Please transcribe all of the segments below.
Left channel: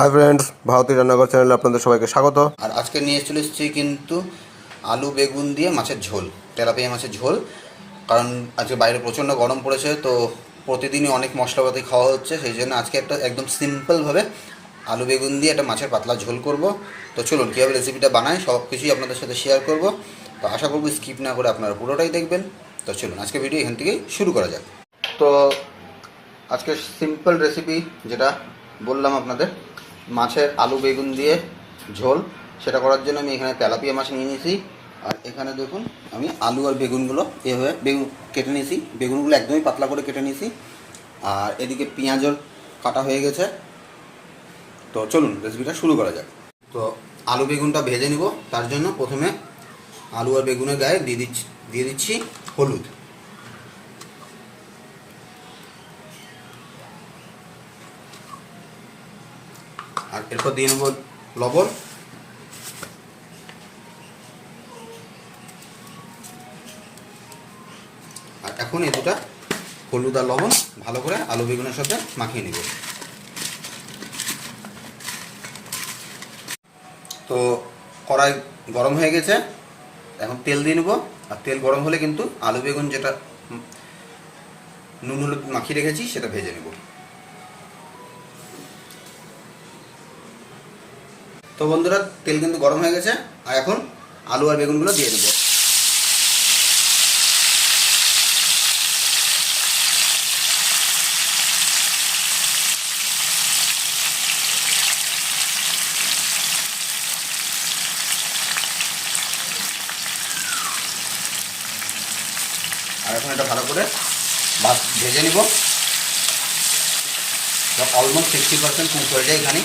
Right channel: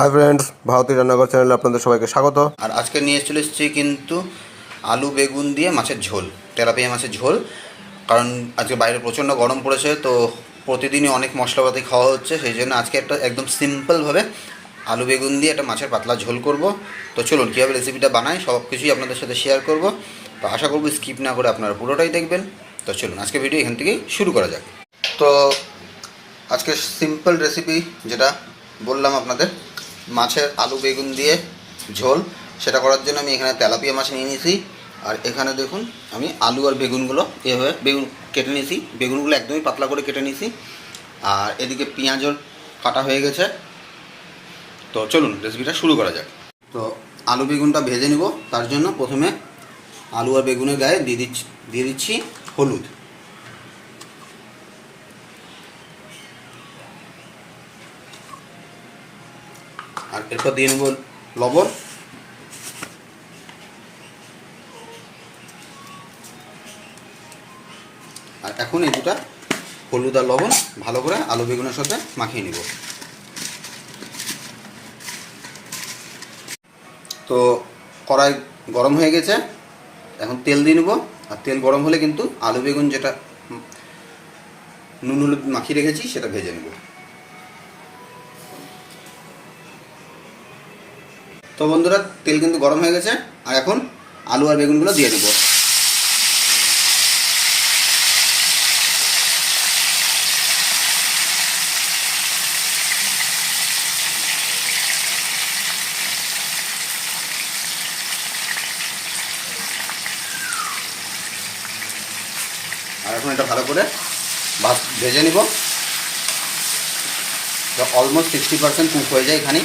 Hi friends, ভারতীয় রান্নাঘর চ্যানেলে আপনাদের সবাইকে স্বাগত। আর আজকে নিয়ে চলে এসেছি কিন্তু আলু বেগুন দিয়ে মাছের ঝোল, তেলাপিয়া মাছের ঝোল। কারণ আজকে বাইরে প্রচণ্ড গরম পড়েছে, তো প্রতিদিনই অনেক মশলাপাতি খাওয়া হচ্ছে, সেই জন্য আজকে একটা একদম সিম্পলভাবে আলু বেগুন দিয়ে একটা মাছের পাতলা ঝোল করব। তো চলুন কীভাবে রেসিপিটা বানাই সব কিছুই আপনাদের সাথে শেয়ার করব। তো আশা করব স্কিপ না করে আপনারা পুরোটাই দেখবেন। তো চলুন আজকে ভিডিও এখান থেকেই শুরু করা যাক। তো আজকে সিম্পল রেসিপি যেটা বললাম আপনাদের, মাছের আলু বেগুন দিয়ে ঝোল, সেটা করার জন্য আমি এখানে তেলাপিয়া মাছ নিয়ে নিয়েছি। আর এখানে দেখুন আমি আলু আর বেগুনগুলো এভাবে বেগুন কেটে নিয়েছি, বেগুনগুলো একদমই পাতলা করে কেটে নিয়েছি। আর এদিকে পেঁয়াজও কাটা হয়ে গেছে। তো চলুন রেসিপিটা শুরু করা যাক। তো আলু বেগুনটা ভেজে নিব, তার জন্য প্রথমে আলু আর বেগুনের গায়ে দিয়ে দিচ্ছি হলুদ। আর এরপর দিয়ে নেব লবণ। আর এখন এই দুটা হলুদ আর লবণ ভালো করে আলু বেগুনের সাথে মাখিয়ে নিব। তো কড়াই গরম হয়ে গেছে, এখন তেল দিয়ে নেব। আর তেল গরম হলে কিন্তু আলু বেগুন যেটা নুন হলুদ মাখিয়ে রেখেছি সেটা ভেজে নেব। তো বন্ধুরা, তেল কিন্তু গরম হয়ে গেছে, আর এখন আলু আর বেগুনগুলো দিয়ে দেব। আর এখন এটা ভালো করে ভেজে নিব। অলমোস্ট 60% কুক হয়ে যায় এখানে।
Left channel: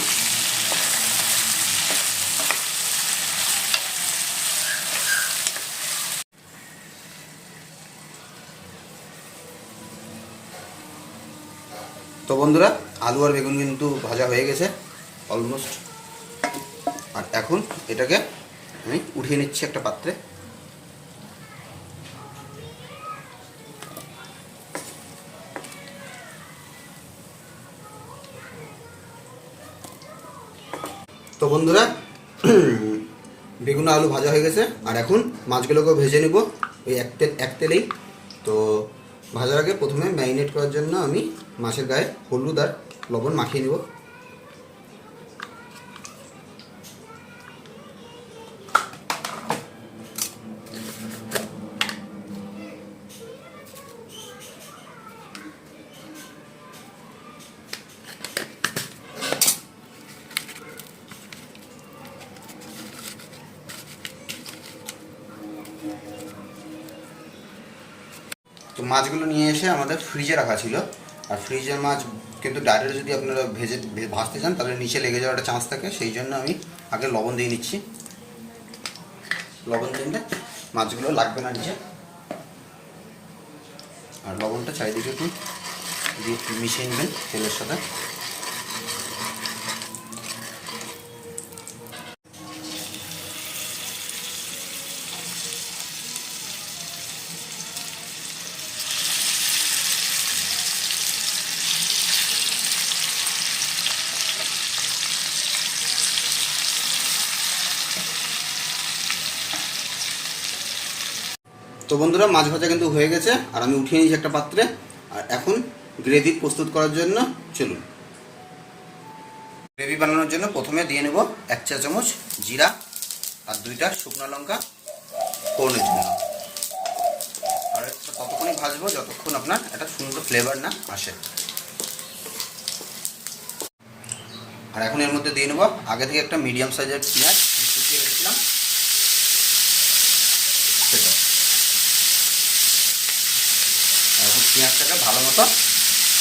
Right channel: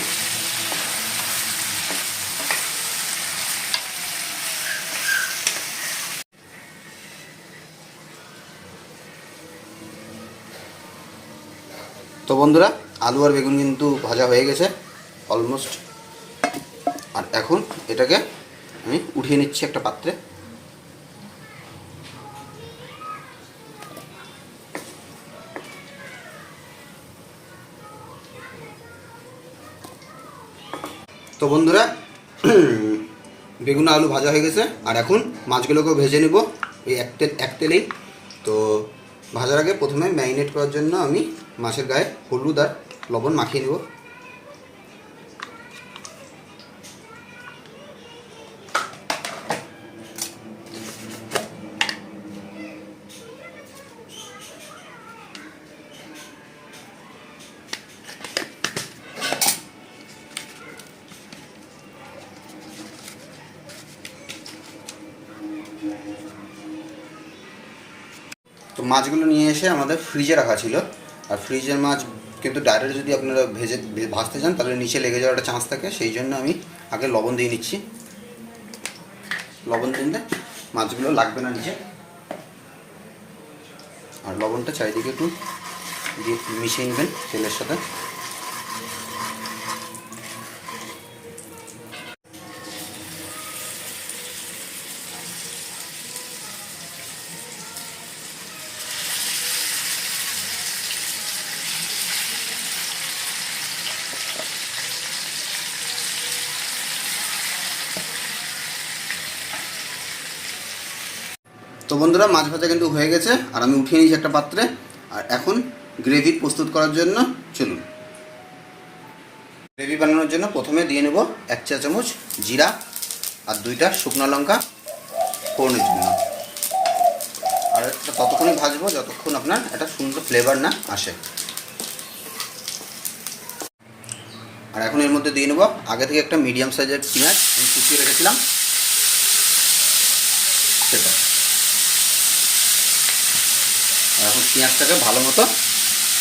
তো বন্ধুরা, আলু আর বেগুন কিন্তু ভাজা হয়ে গেছে অলমোস্ট। আর এখন এটাকে আমি উঠিয়ে নিচ্ছি একটা পাত্রে। তো বন্ধুরা, বেগুন আলু ভাজা হয়ে গেছে, আর এখন মাছগুলোকেও ভেজে নেব এই এক তেলেই। তো ভাজার আগে প্রথমে ম্যারিনেট করার জন্য আমি মাছের গায়ে হলুদ আর লবণ মাখিয়ে নেব। তো মাছগুলো নিয়ে এসে আমাদের ফ্রিজে রাখা ছিল। আর ফ্রিজের মাছ কিন্তু ডাইরেক্ট যদি আপনারা ভাজতে চান তাহলে নিচে লেগে যাওয়ার একটা চান্স থাকে, সেই জন্য আমি আগে লবণ দিয়ে নিচ্ছি। লবণ দিলে মাছগুলো লাগবে না নিচে। আর লবণটা চারিদিকে একটু দিয়ে মিশিয়ে নেবেন তেলের সাথে। তো বন্ধুরা, মাছ ভাজা কিন্তু হয়ে গেছে, আর আমি উঠিয়ে নিয়েছি একটা পাত্রে। আর এখন গ্রেভি প্রস্তুত করার জন্য চলুন। গ্রেভি বানানোর জন্য প্রথমে দিয়ে নেব 1 চা চামচ জিরা আর 2টা শুকনো লঙ্কা ফোড়নের জন্য। আর এটা ততক্ষণই ভাজবো যতক্ষণ আপনার একটা সুন্দর ফ্লেভার না আসে। আর এখন এর মধ্যে দিয়ে নেব আগে থেকে একটা মিডিয়াম সাইজের পেঁয়াজ আমি কুচিয়ে রেখেছিলাম সেটা। আর এখন পেঁয়াজটাকে ভালো মতো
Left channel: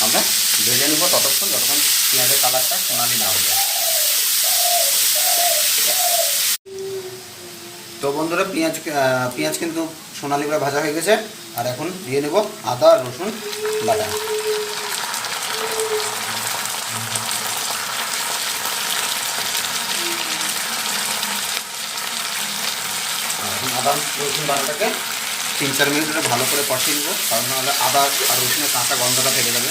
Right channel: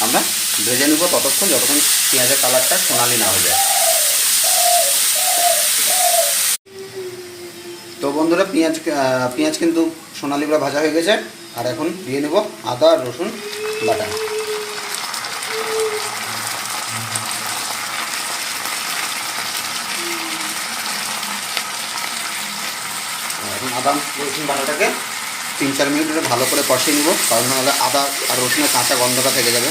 আমরা ভেজে নেব ততক্ষণ যতক্ষণ পেঁয়াজের কালারটা সোনালি না হয়ে যায়। তো বন্ধুরা, পেঁয়াজ কিন্তু সোনালি ভাজা হয়ে গেছে। আর এখন দিয়ে নেব আদা রসুন বাটা। এখন আদা রসুন বাটাটাকে 3-4 মিনিট ধরে ভালো করে কষিয়ে নেব, কারণ নাহলে আদা আর রসুনের কাঁচা গন্ধটা থেকে যাবে।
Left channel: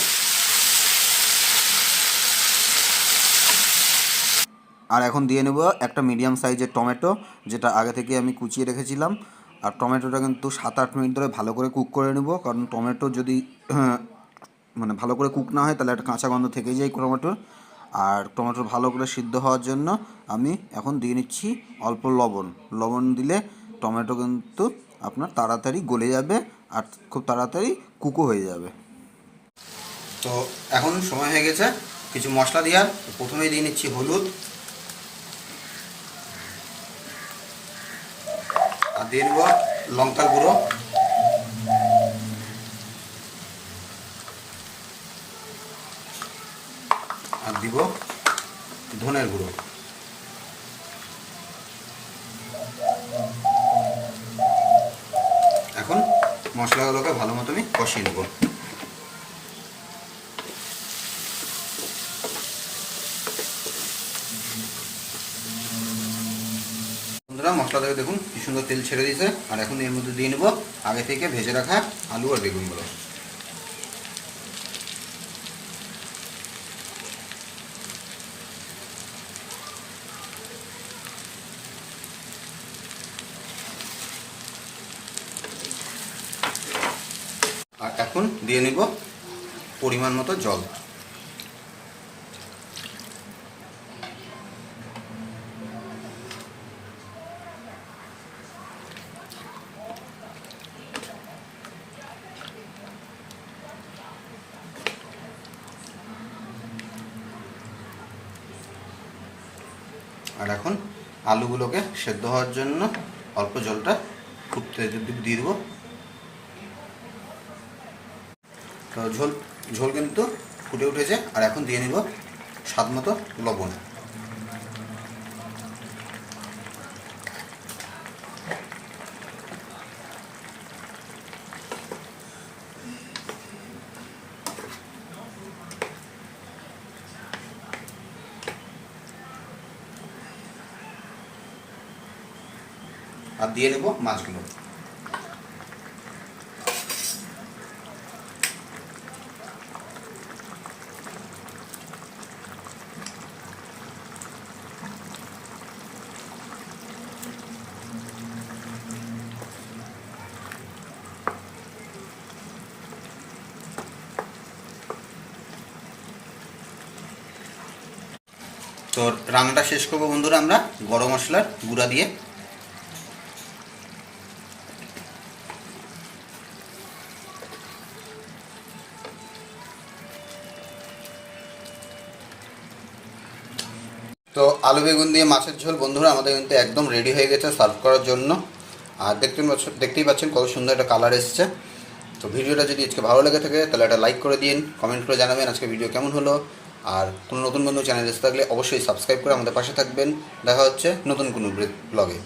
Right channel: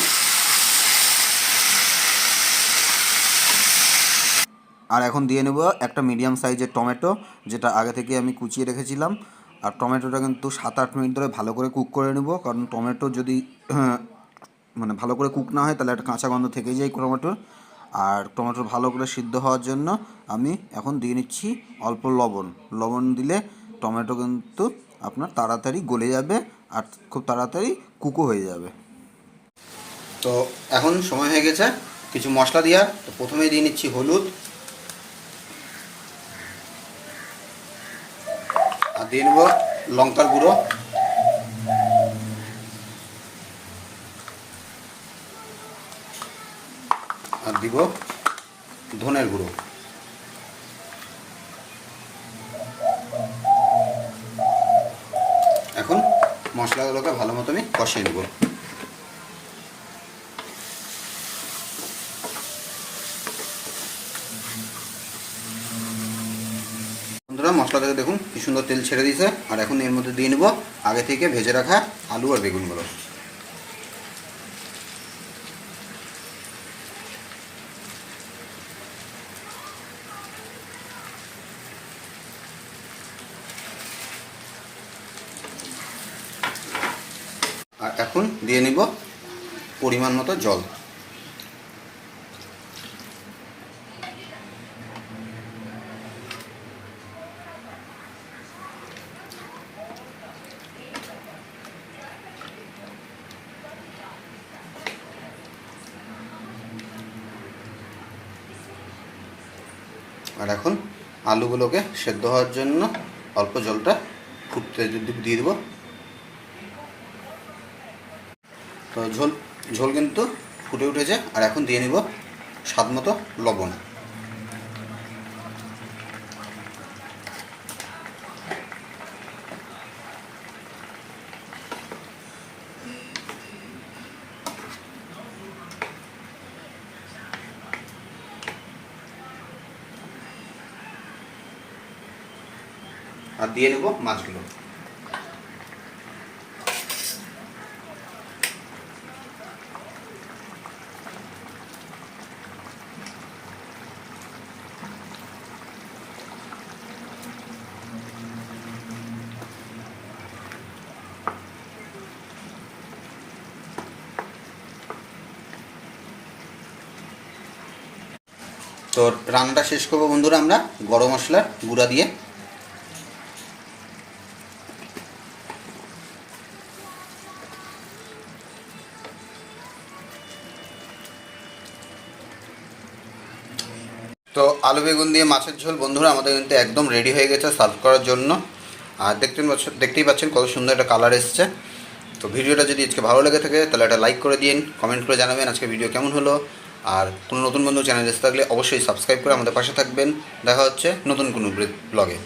আর এখন দিয়ে নেব একটা মিডিয়াম সাইজের টমেটো, যেটা আগে থেকে আমি কুচিয়ে রেখেছিলাম। আর টমেটোটা কিন্তু 7-8 মিনিট ধরে ভালো করে কুক করে নেব, কারণ টমেটো যদি মানে ভালো করে কুক না হয় তাহলে একটা কাঁচা গন্ধ থেকেই যায় টমেটোর। আর টমেটো ভালো করে সিদ্ধ হওয়ার জন্য আমি এখন দিয়ে নিচ্ছি অল্প লবণ। লবণ দিলে টমেটো কিন্তু আপনার তাড়াতাড়ি গলে যাবে আর খুব তাড়াতাড়ি কুকও হয়ে যাবে। তো এখন সময় হয়ে গেছে কিছু মশলা দেওয়ার। তো প্রথমেই দিয়ে নিচ্ছি হলুদ, আর দিয়ে নেব লঙ্কার গুঁড়ো, আর দিব ধনের গুঁড়ো। এখন মশলাগুলোকে ভালো মতো আমি কষিয়ে নেব। বন্ধুরা, মশলা থেকে দেখুন কি সুন্দর তেল ছেড়ে দিয়েছে। আর এখন এর মধ্যে দিয়ে নেব আগে থেকে ভেজে রাখা আলু আর বেগুনগুলো। আর এখন দিয়ে নিব পরিমাণ মতো জল। আর এখন আলুগুলোকে সেদ্ধ হওয়ার জন্য অল্প জলটা ফুটতে দিয়ে দেবো। তো ঝোল কিন্তু ফুটে উঠেছে। আর এখন দিয়ে নেব স্বাদ মতো লবণ। আর দিয়ে নেব মাছগুলো। তো রান্নাটা শেষ করবো বন্ধুরা আমরা গরম মশলার গুঁড়া দিয়ে। তো আলু বেগুন দিয়ে মাছের ঝোল বন্ধুরা আমাদের কিন্তু একদম রেডি হয়ে গেছে সার্ভ করার জন্য। আর দেখতেই পাচ্ছেন কত সুন্দর একটা কালার এসছে। তো ভিডিওটা যদি আজকে ভালো লেগে থাকে তাহলে একটা লাইক করে দিন, কমেন্ট করে জানাবেন আজকে ভিডিও কেমন হলো। আর কোনো নতুন বন্ধু চ্যানেল এসে থাকলে অবশ্যই সাবস্ক্রাইব করে আমাদের পাশে থাকবেন। দেখা হচ্ছে নতুন কোনো ব্লগে।